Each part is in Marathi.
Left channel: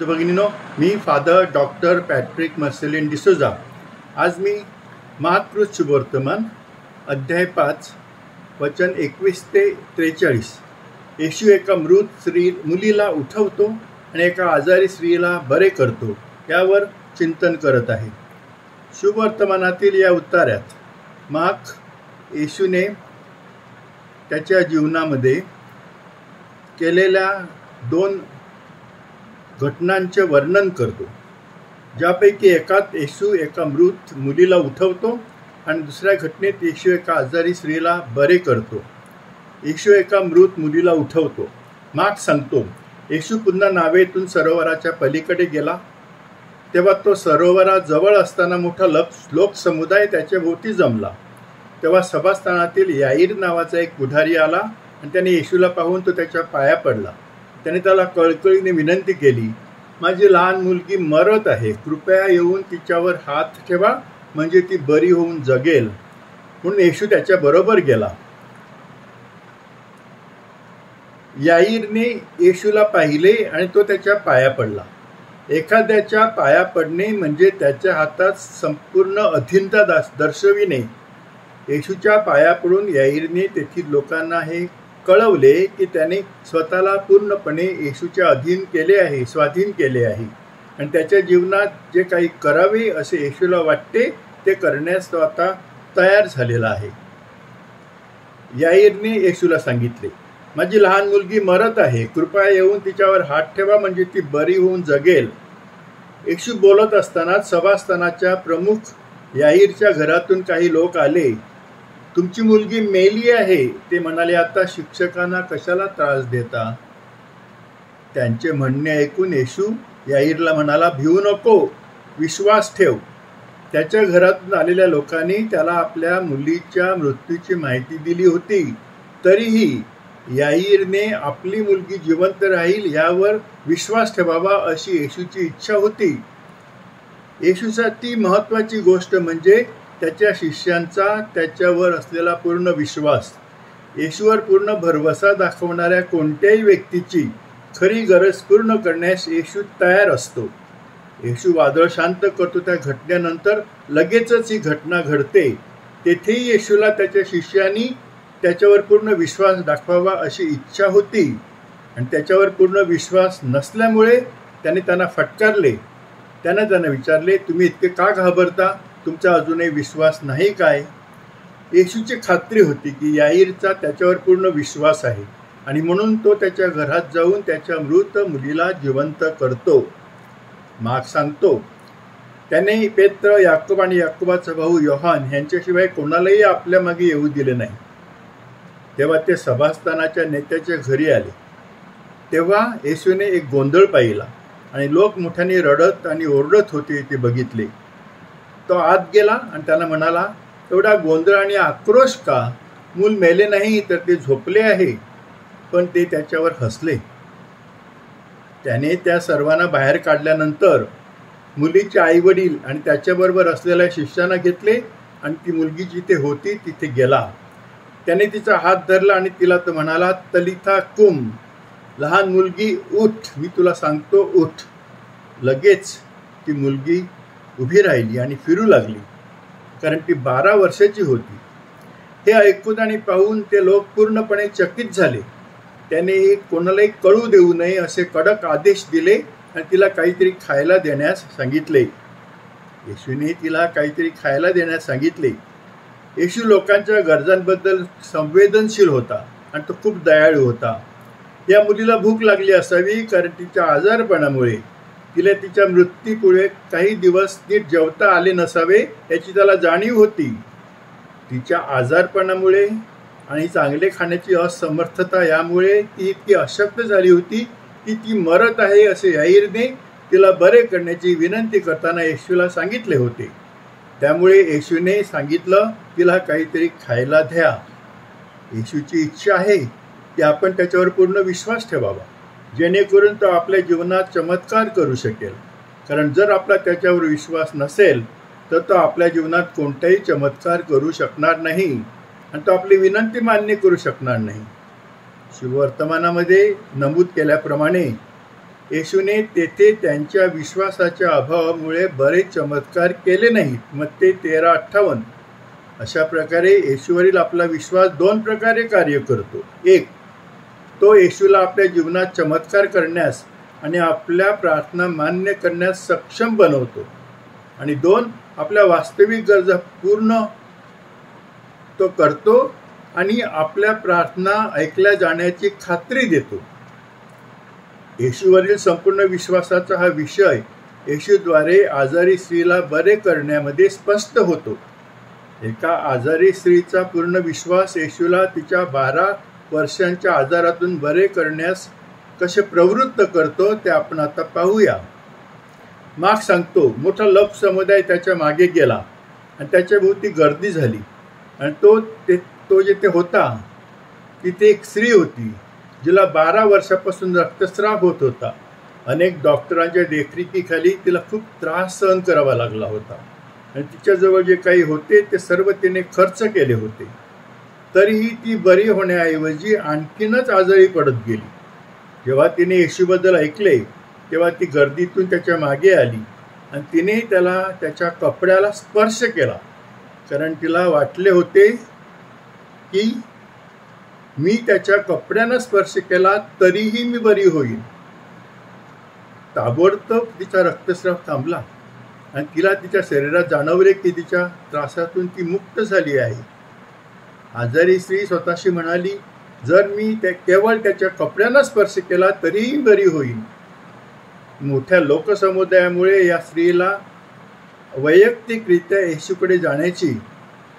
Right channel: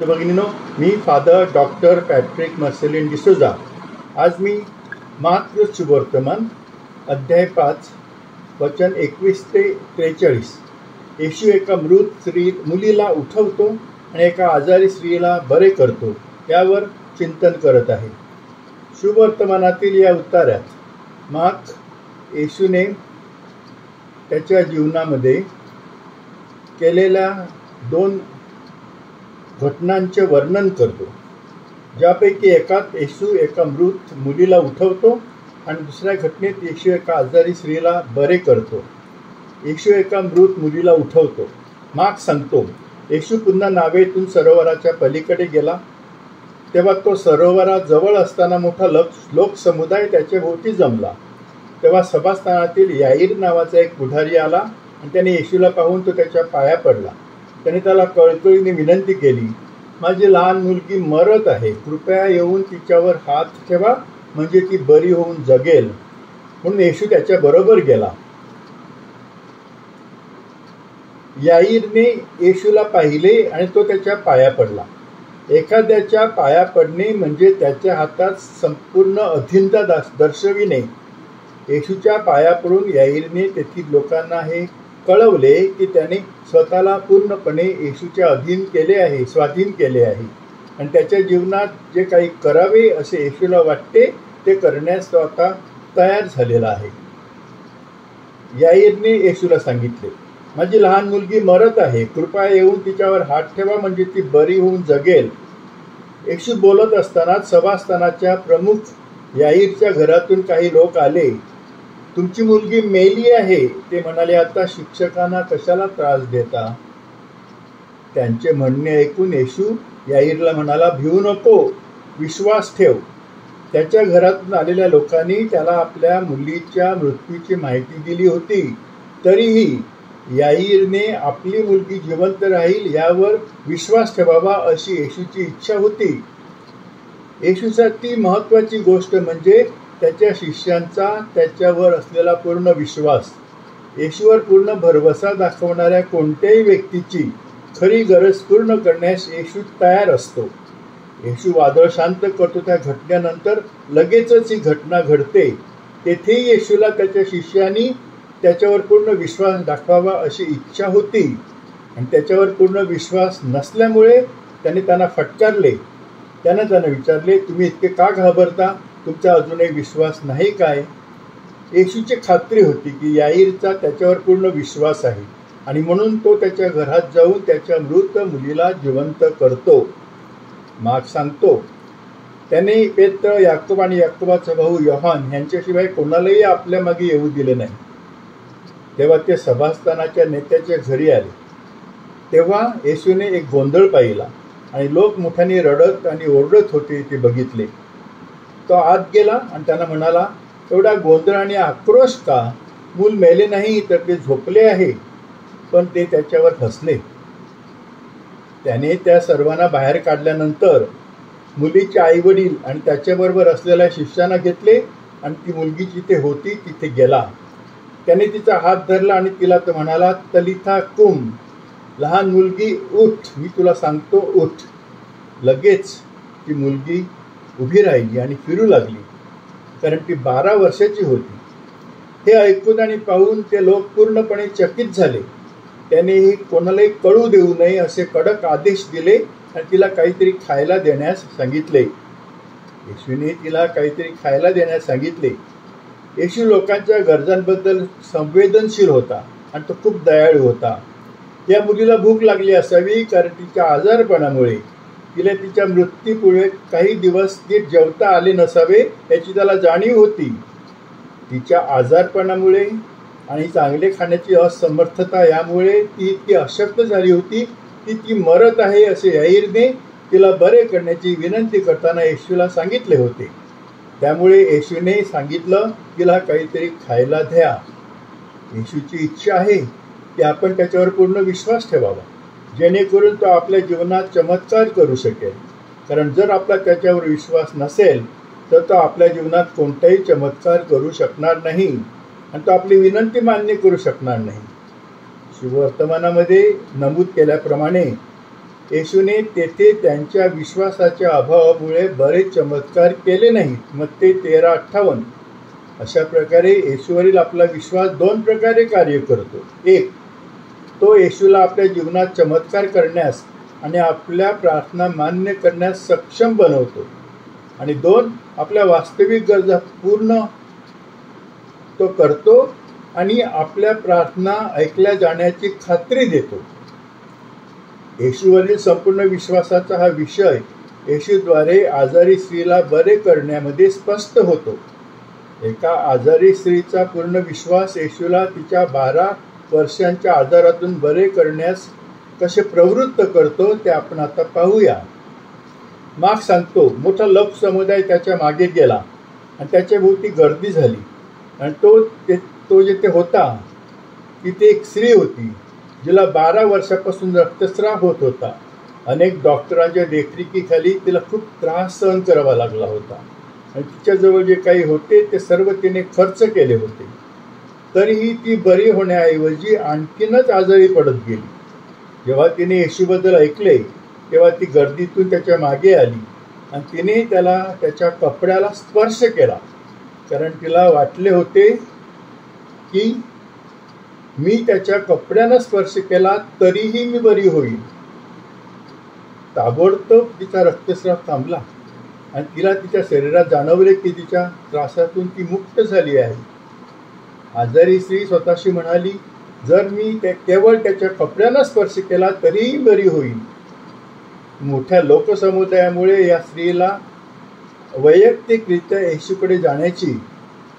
भगिनीनो, मी फादर डॉक्टर पॅट्रिक मर्सेलिन डिसोजा। आज मी महाकृत शुभवर्तमान अध्याय 5 वचन 21 ते 43 येशू एका मृत मुलीला उठवतो आणि एका आजारी स्त्रीला बरे करतो यावर चिंतन करत आहे। शुभवर्तमानातील या उतार्यात मार्क येशूने त्याच्या जीवनामध्ये केलेल्या 2 घटनांचे वर्णन करतो, ज्यापैकी एकात येशू एका मृत मुलीला उठवतो आणि दुसऱ्या घटनेत येशू एका आजारी स्त्रीला बरे करतो। येशू एका मृत मुलीला उठवतो। मार्क सांगतो, येशू पुन्हा नावेतून सरोवराच्या पलीकडे गेला, तेव्हा तो सरोवराजवळ असताना मोठा लोकसमुदाय त्याच्या भोवती जमला। तेव्हा सभास्थानातील याईर नावाचा एक पुढारी आला आणि त्याने येशूला पाहून तो त्याच्या पाया पडला। त्याने त्याला कळकळीने विनंती केली, माझी लहान मुलगी मरत आहे, कृपया येऊन तिच्यावर हात ठेवा, म्हणजे ती बरी होऊन जगेल। म्हणून येशू त्याच्या बरोबर गेला। याईरने येशूला पाहिले आणि तो त्याच्या पाया पडला। एखाद्याच्या पाया पडणे म्हणजे त्याच्या हातात संपूर्ण अधीनता दर्शविणे। येशूच्या पाया पडून याईरने तेथील लोकांना हे कळवले की त्याने स्वतःला पूर्णपणे येशूच्या स्वाधीन केले आहे आणि त्याच्या जीवनात जे काही करावे असे येशूला वाटते ते करण्यास तो आता तयार झालेला आहे। याईरने येशूला सांगितले, माझी लहान मुलगी मरत आहे, कृपया येऊन तिच्यावर हात ठेवा, म्हणजे ती बरी होऊन जगेल। येशू बोलत असताना सभास्थानाच्या प्रमुख याईरच्या घरातून काही लोक आले। तुमची मुलगी मेली आहे, ते म्हणाले। आता शिक्षकांना कशाला त्रास देता? त्यांचे म्हणणे ऐकून येशू याईरला म्हणाला, भिवू नको, विश्वास ठेव। त्याच्या घरातून आलेल्या लोकांनी त्याला आपल्या मुलीच्या मृत्यूची माहिती दिली होती, तरीही याईरने आपली मुलगी जिवंत राहील यावर विश्वास ठेवावा अशी येशूची इच्छा होती। येशूसाठी महत्त्वाची गोष्ट म्हणजे त्याच्या शिष्यांचा त्याच्यावर असलेला पूर्ण विश्वास। येशूवर पूर्ण भरवसा दाखवणाऱ्या कोणत्याही व्यक्तीची खरी गरज पूर्ण करण्यास येशू तयार असतो। येशू वादळ शांत करतो, त्या घटनेनंतर लगेचच ही घटना घडते। तेथेही येशूला त्याच्या शिष्यांनी त्याच्यावर पूर्ण विश्वास दाखवावा अशी इच्छा होती आणि त्याच्यावर पूर्ण विश्वास नसल्यामुळे त्याने त्यांना फटकारले। त्यांना विचारले, तुम्ही इतके का घाबरता? तुमचा अजूनही विश्वास नाही काय? येशूची खात्री होती की याईरचा त्याच्यावर पूर्ण विश्वास आहे आणि म्हणून तो त्याच्या घरात जाऊन त्याच्या मृत मुलीला जिवंत करतो। मार्क सांगतो, त्याने पेत्र, याकोब आणि याकोबाचा भाऊ योहान यांच्याशिवाय कोणालाही आपल्या मागे येऊ दिले नाही। तेव्हा ते सभास्थानाच्या नेत्याच्या घरी आले। तेव्हा येशूने एक गोंधळ पाहिला आणि लोक मोठ्याने रडत आणि ओरडत होते ते बघितले। तो आत गेला आणि त्यांना म्हणाला, एवढा गोंधळ आणि आक्रोश का? मूल मेले नाही तर ते झोपले आहे। पण ते त्याच्यावर हसले। त्याने त्या सर्वांना बाहेर काढल्यानंतर मुलीचे आईवडील आणि त्याच्याबरोबर असलेल्या शिष्यांना घेतले आणि ती मुलगी जिथे होती तिथे गेला। त्याने तिचा हात धरला आणि तिला तो म्हणाला, तलिथा कुम, लहान मुलगी उठ, मी तुला सांगतो उठ। लगेच ती मुलगी उभी राहिली आणि फिरू लागली, कारण ती 12 वर्षाची होती। हे ऐकून आणि पाहून ते लोक पूर्णपणे चकित झाले। त्याने कोणालाही कळू देऊ नये असे कडक आदेश दिले आणि तिला काहीतरी खायला देण्यास सांगितले। येशूने तिला काहीतरी खायला देण्यास सांगितले। येशू लोकांच्या गरजांबद्दल संवेदनशील होता आणि तो खूप दयाळू होता। या मुलीला भूक लागली असावी, कारण तिच्या आजारपणामुळे तिला तिच्या मृत्यूपुढे काही दिवस नीट जेवता आले नसावे याची त्याला जाणीव होती। तिच्या आजारपणामुळे आणि चांगले खाण्याची असमर्थता यामुळे ती इतकी अशक्त झाली होती की ती मरत आहे असे याईरने तिला बरे करण्याची विनंती करताना येशूला सांगितले होते। त्यामुळे येशूने सांगितलं, तिला काहीतरी खायला द्या। येशूची इच्छा आहे की आपण त्याच्यावर पूर्ण विश्वास ठेवावा, जेणेकरून तो आपल्या जीवनात चमत्कार करू शकेल। कारण जर आपला त्याच्यावर विश्वास नसेल तर तो आपल्या जीवनात कोणताही चमत्कार करू शकणार नाही आणि तो आपली विनंती मान्य करू शकणार नाही। शुभवर्तमानामध्ये नमूद केल्याप्रमाणे येशूने तेथे त्यांच्या विश्वासाच्या अभावामुळे बरेच चमत्कार केले नाहीत. मत्ते 13:58. अशा प्रकारे येशूवरील आपला विश्वास दोन प्रकारे कार्य करतो. एक, तो येशूला आपल्या जीवनात चमत्कार करण्यास आणि आपल्या प्रार्थना मान्य करण्यास सक्षम बनवतो. आणि दोन, आपल्या वास्तविक गरजा पूर्ण तो करतो आणि आपल्या प्रार्थना ऐकल्या जाण्याची खात्री देतो. येशूवरील संपूर्ण विश्वासाचा हा विषय येशूद्वारे आजारी स्त्रीला बरे करण्यामध्ये स्पष्ट होतो. एका आजारी स्त्रीचा पूर्ण विश्वास येशूला तिच्या 12 वर्षांच्या आजारातून बरे करण्यास कसे प्रवृत्त करतो ते आपण आता पाहूया. मार्क सांगतो, मोठा लोकसमुदाय त्याच्या मागे गेला आणि त्याच्या भोवती गर्दी झाली. आणि तो जिथे होता तिथे एक स्त्री होती जिला 12 वर्षापासून रक्तस्राव होत होता. अनेक डॉक्टरांच्या देखरेखीखाली तिला खूप त्रास सहन करावा लागला होता आणि तिच्याजवळ जे काही होते ते सर्व तिने खर्च केले होते. तरीही ती बरी होण्याऐवजी आणखीनच आजारी पडत गेली. जेव्हा तिने येशूबद्दल ऐकले तेव्हा ती गर्दीतून त्याच्या मागे आली आणि तिने त्याला त्याच्या कपड्याला स्पर्श केला, कारण तिला वाटले होते की मी त्याच्या कपड्यानं स्पर्श केला तरीही मी बरी होईल. ताबडतोब तिचा रक्तस्राव थांबला आणि तिला तिच्या शरीरात जाणवले की तिच्या त्रासातून ती मुक्त झाली आहे. आजारी स्त्री स्वतःशी म्हणाली, जर मी केवळ त्याच्या कपड्यानं स्पर्श केला तरीही बरी होईल. मोठ्या लोकसमुदायामुळे या स्त्रीला वैयक्तिकरित्या येशूकडे जाण्याची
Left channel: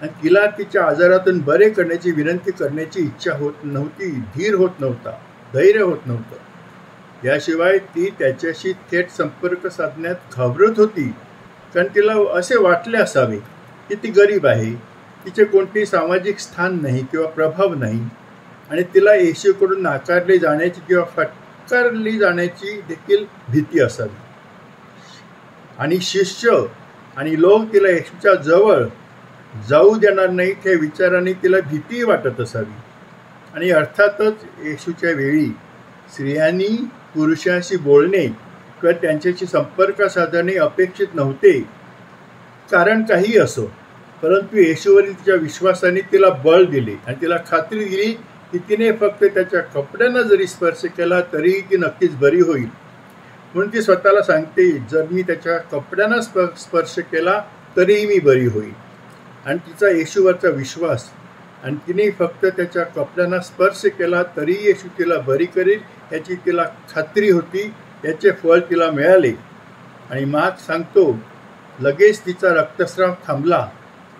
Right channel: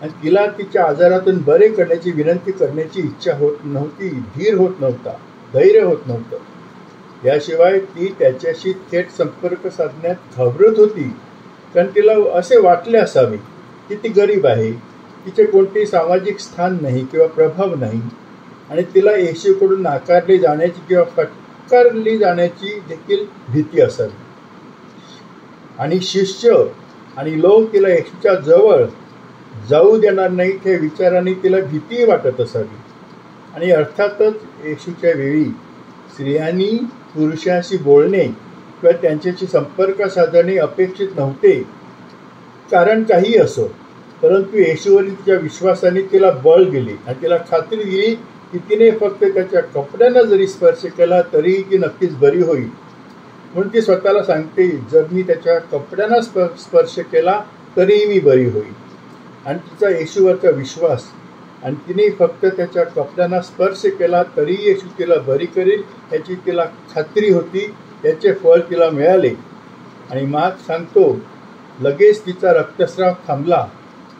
आणि तिला तिच्या आजारातून बरे करण्याची विनंती करण्याची इच्छा होत नव्हती, धीर होत नव्हता, धैर्य होत नव्हतं. याशिवाय ती त्याच्याशी थेट संपर्क साधण्यात घाबरत होती, कारण तिला असे वाटले असावे की ती गरीब आहे, तिचे कोणतेही सामाजिक स्थान नाही किंवा प्रभाव नाही आणि तिला येशूकडून नाकारले जाण्याची किंवा फटकारली जाण्याची देखील भीती असावी. आणि शिष्य आणि लोक तिला येशूच्या जवळ जाऊ देणार नाहीत हे विचाराने तिला भीती वाटत असावी. आणि अर्थातच येशूच्या वेळी स्त्रियांनी पुरुषांशी बोलणे किंवा त्यांच्याशी संपर्क साधणे अपेक्षित नव्हते, कारण काही असो. परंतु येशूवरील तिच्या विश्वासाने तिला बळ दिले आणि तिला खात्री दिली की तिने फक्त त्याच्या कपड्यांना जरी स्पर्श केला तरीही ती नक्कीच बरी होईल. म्हणून ती स्वतःला सांगते, जर मी त्याच्या कपड्यांना स्पर्श केला तरीही मी बरी होईल. आणि तिचा येशूवरचा विश्वास आणि तिने फक्त त्याच्या कपड्यांना स्पर्श केला तरी येशू तिला बरी करेल याची तिला खात्री होती. याचे फळ तिला मिळाले. आणि मार्क सांगतो, लगेच तिचा रक्तस्राव थांबला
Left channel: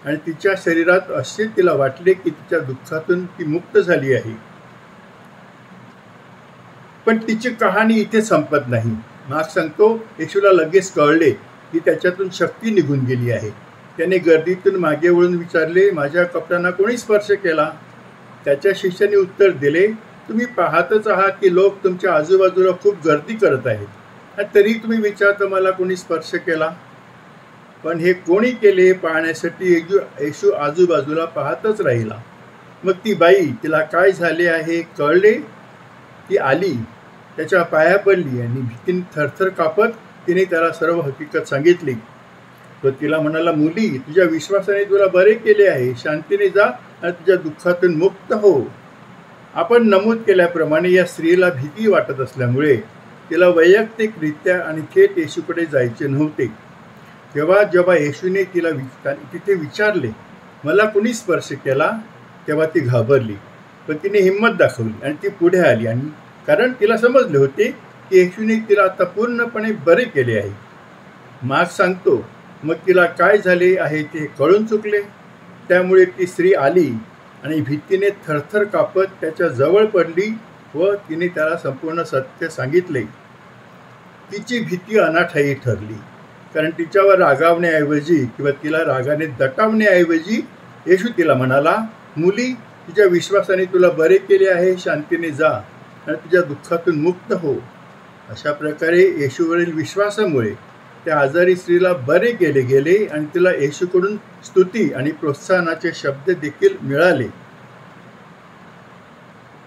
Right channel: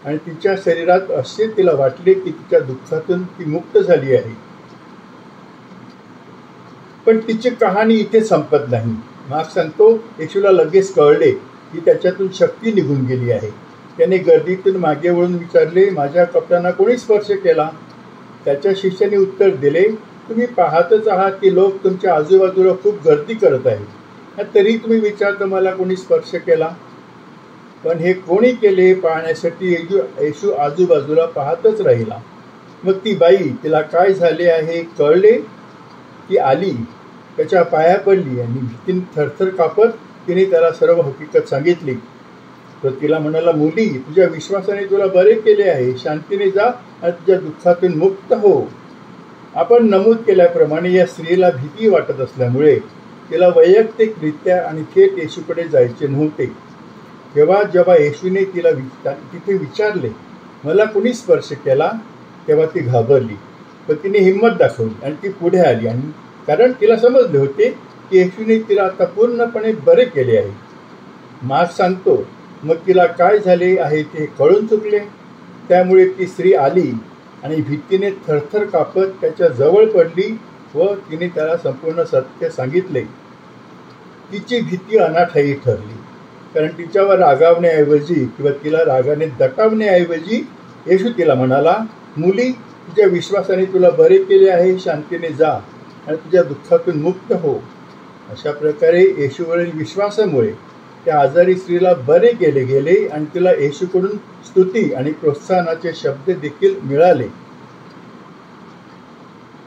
आणि तिच्या शरीरात असे तिला वाटले की तिच्या दुःखातून ती मुक्त झाली आहे. पण तिची कहाणी इथे संपत नाही. मार्क सांगतो, येशूला लगेच कळले की त्याच्यातून शक्ती निघून गेली आहे. त्याने गर्दीतून मागे वळून विचारले, माझ्या कपड्यांना कोणी स्पर्श केला? त्याच्या शिष्याने उत्तर दिले, तुम्ही पाहतच आहात की लोक तुमच्या आजूबाजूला खूप गर्दी करत आहेत, तरी तुम्ही विचारता मला कोणी स्पर्श केला? पण हे कोणी केले हे पाहण्यासाठी येशू आजूबाजूला पाहतच राहिला. मग ती बाई, तिला काय झाले आहे कळले, ती आली, त्याच्या पाया पडली आणि भीतीने थरथर कापत तिने त्याला सर्व हकीकत सांगितली. तो तिला म्हणाला, मुली, तुझ्या विश्वासाने तुला बरे केले आहे, शांतीने जा आणि तुझ्या दुःखातून मुक्त हो. आपण नमूद केल्याप्रमाणे या स्त्रीला भीती वाटत असल्यामुळे तिला वैयक्तिकरित्या आणि थेट येशूकडे जायचे नव्हते. जेव्हा येशूने तिला तिथे विचारले, मला कुणी स्पर्श केला, तेव्हा ती घाबरली. पण तिने हिंमत दाखवली आणि ती पुढे आली, आणि कारण तिला समजले होते की येशूने तिला आता पूर्णपणे बरे केले आहे. मार्क सांगतो, मग तिला काय झाले आहे ते कळून चुकले. त्यामुळे ती स्त्री आली आणि भीतीने थरथर कापत त्याच्या जवळ पडली व तिने त्याला संपूर्ण सत्य सांगितले. तिची भीती अनाठायी ठरली, कारण तिच्यावर रागावण्याऐवजी किंवा तिला रागाने दटावण्याऐवजी येशू तिला म्हणाला, मुली, तुझ्या विश्वासाने तुला बरे केले आहे, शांतीने जा आणि तुझ्या दुःखातून मुक्त हो. अशा प्रकारे येशूवरील विश्वासामुळे त्या आजारी स्त्रीला बरे केले गेले आणि तिला येशूकडून स्तुती आणि प्रोत्साहनाचे शब्द देखील मिळाले.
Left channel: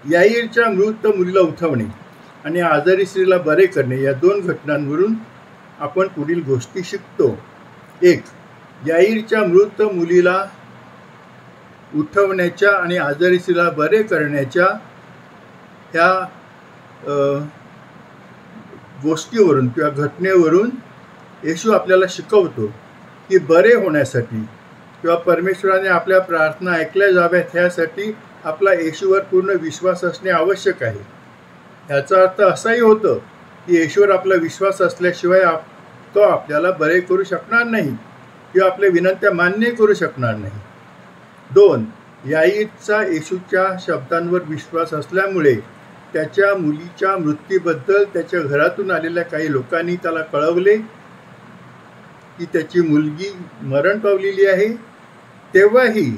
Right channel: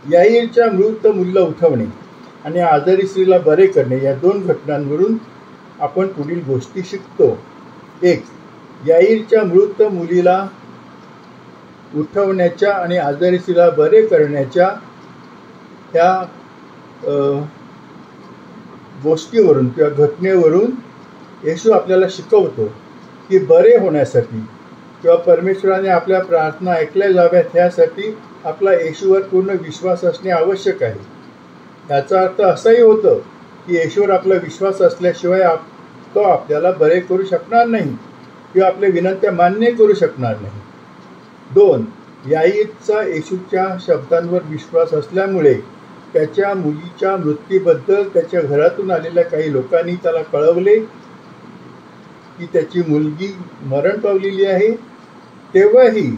याईरच्या मृत मुलीला उठवणे. आणि आजारी स्त्रीला बरे करणे या दोन घटनांवरून आपण पुढील गोष्टी शिकतो. 1. याईरच्या मृत मुलीला उठवण्याच्या आणि आजारी स्त्रीला बरे करण्याच्या ह्या गोष्टीवरून किंवा घटनेवरून येशू आपल्याला शिकवतो की बरे होण्यासाठी किंवा परमेश्वराने आपल्या प्रार्थना ऐकल्या जाव्यात ह्यासाठी आपला येशूवर पूर्ण विश्वास असणे आवश्यक आहे. याचा अर्थ असाही होतो की येशूवर आपला विश्वास असल्याशिवाय तो आपल्याला बरे करू शकणार नाही किंवा आपल्या विनंत्या मान्य करू शकणार नाही. 2. याईरचा येशूच्या शब्दांवर विश्वास असल्यामुळे त्याच्या मुलीच्या मृत्यूबद्दल त्याच्या घरातून आलेल्या काही लोकांनी त्याला कळवले की त्याची मुलगी मरण पावलेली आहे. तेव्हाही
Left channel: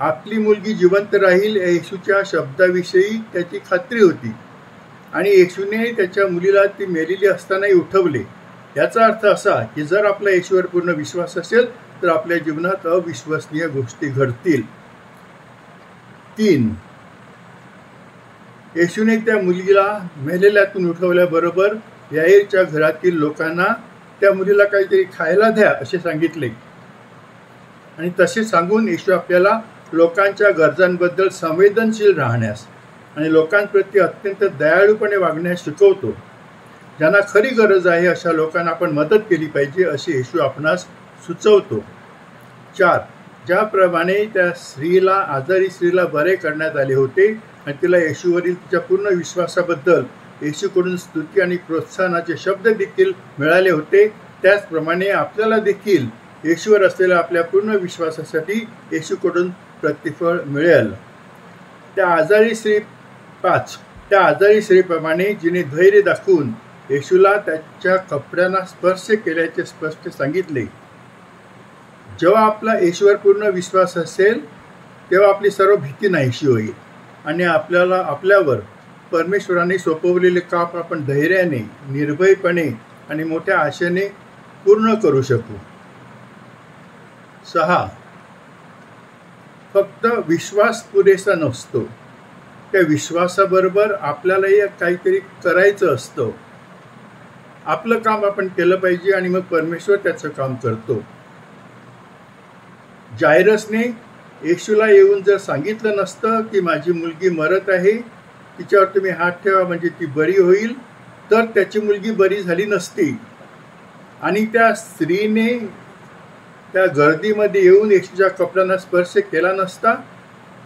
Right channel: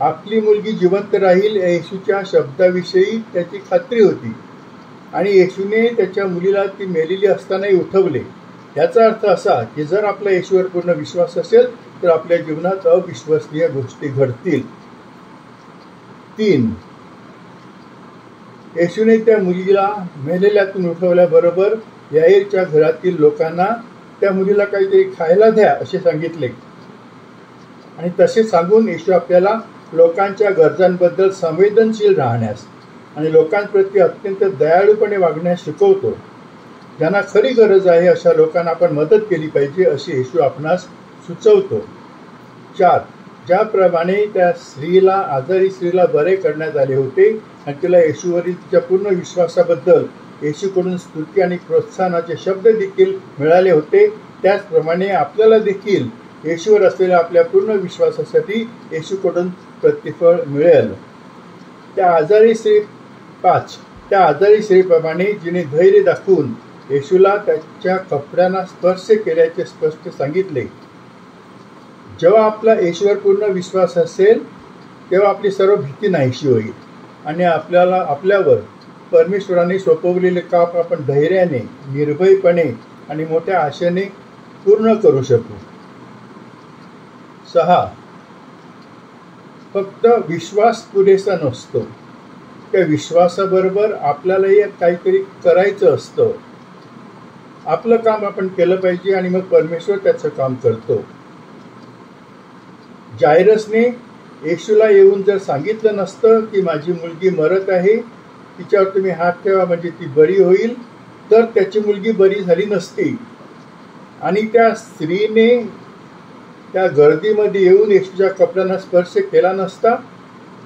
आपली मुलगी जिवंत राहील या येशूच्या शब्दाविषयी त्याची खात्री होती आणि येशूने त्याच्या मुलीला ती मेलेली असतानाही उठवले. याचा अर्थ असा की जर आपला येशूवर पूर्ण विश्वास असेल तर आपल्या जीवनात अविश्वसनीय गोष्टी घडतील. 3. येशूने त्या मुलीला मेलेल्यातून उठवल्याबरोबर याईरच्या घरातील लोकांना त्या मुलीला काहीतरी खायला द्या असे सांगितले आणि तसे सांगून येशू आपल्याला लोकांच्या गरजांबद्दल संवेदनशील राहण्यास आणि लोकांप्रती अत्यंत दयाळूपणे वागण्यास शिकवतो. ज्यांना खरी गरज आहे अशा लोकांना आपण मदत केली पाहिजे असे येशू आपणास सुचवतो. 4. ज्याप्रमाणे त्या आजारी स्त्रीला बरे करण्यात आले होते आणि तिला येशूवरील तिच्या पूर्ण विश्वासाबद्दल येशूकडून स्तुती आणि प्रोत्साहनाचे शब्द देखील मिळाले होते, त्याचप्रमाणे आपल्याला देखील येशूवर असलेल्या आपल्या पूर्ण विश्वासासाठी येशूकडून प्रतिफळ मिळेल. 5. त्या आजारी स्त्रीप्रमाणे जिने धैर्य दाखवून येशूला त्याच्या कपड्यांना स्पर्श केल्याचे स्पष्ट सांगितले. जेव्हा आपला येशूवर पूर्ण विश्वास असेल तेव्हा आपली सर्व भीती नाहीशी होईल आणि आपल्यावर परमेश्वराने सोपवलेले काम आपण धैर्याने, निर्भयपणे आणि मोठ्या आशेने पूर्ण करू शकू. 6. फक्त विश्वास पुरेसा नसतो, त्या विश्वासाबरोबर आपल्यालाही काहीतरी करायचं असतं. आपलं काम आपण केलं पाहिजे आणि मग परमेश्वर त्याचं काम करतो. जायरसने येशूला येऊन जर सांगितलं नसतं की माझी मुलगी मरत आहे, तिच्यावर तुम्ही हात ठेवा म्हणजे ती बरी होईल, तर त्याची मुलगी बरी झाली नसती आणि त्या स्त्रीने त्या गर्दीमध्ये येऊन येशूच्या कपड्यांना स्पर्श केला नसता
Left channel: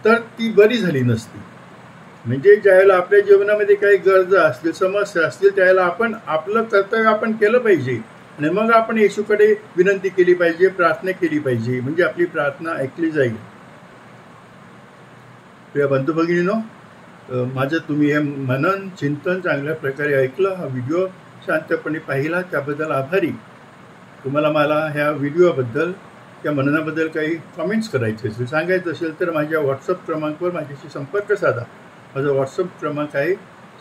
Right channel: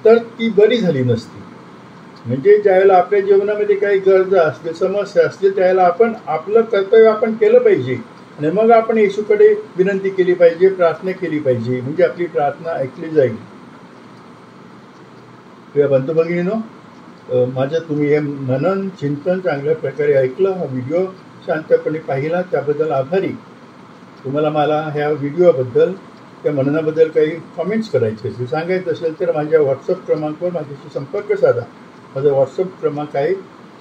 तर ती बरी झाली नसती. म्हणजे ज्यावेळेला आपल्या जीवनामध्ये काही गरजा असतील, समस्या असतील, त्यावेळेला आपण आपलं कर्तव्य आपण केलं पाहिजे आणि मग आपण येशूकडे विनंती केली पाहिजे, प्रार्थना केली पाहिजे, म्हणजे आपली प्रार्थना ऐकली जाईल. प्रिय बंधू भगिनींनो, माझं तुम्ही हे मनन चिंतन चांगल्या प्रकारे ऐकलं, हा व्हिडिओ शांतपणे पाहिला त्याबद्दल आभारी. तुम्हाला मला ह्या व्हिडिओबद्दल त्या मननाबद्दल काही कमेंट्स करायचे असेल, सांगायचं असेल तर माझ्या व्हॉट्सअप क्रमांकावर माझ्याशी संपर्क साधा. माझा व्हॉट्सअप क्रमांक आहे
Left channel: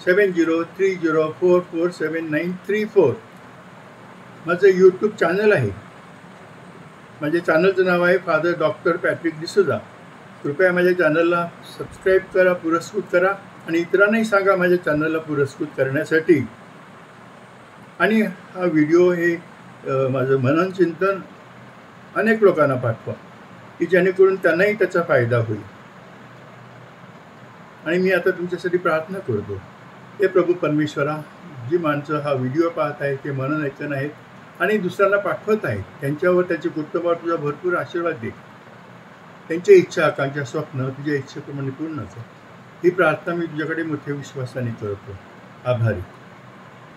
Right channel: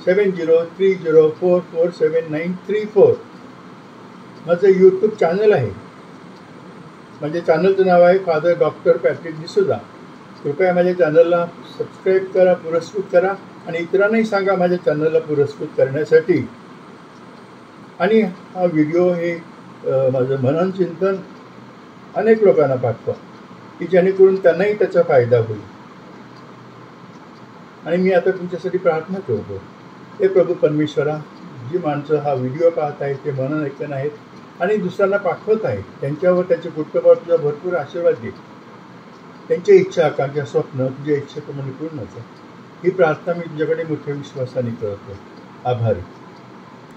7030447934. माझं यूट्यूब चॅनल आहे, माझ्या चॅनलचं नाव आहे फादर डॉक्टर पॅट्रिक डिसूजा. कृपया माझ्या चॅनलला सबस्क्राईब करा, पुरस्कृत करा आणि इतरांनाही सांगा माझ्या चॅनलला पुरस्कृत करण्यासाठी. आणि हा व्हिडिओ हे माझं मनन चिंतन अनेक लोकांना पाठवा की जेणेकरून त्यांनाही त्याचा फायदा होईल. आणि मी आता तुमच्यासाठी प्रार्थना करतो. हे प्रभू परमेश्वरा, जी माणसं हा व्हिडिओ पाहत आहेत, ते मनन ऐकत आहेत आणि दुसऱ्यांना पाठवत आहेत, त्यांच्यावर त्यांच्या कुटुंबावर तुझा भरपूर आशीर्वाद दे. त्यांच्या इच्छा, आकांक्षा, स्वप्न तुझ्या इच्छेप्रमाणे पूर्ण कर. ही प्रार्थना मी तुझ्याकडे मोठ्या विश्वासाने करतो. आभारी.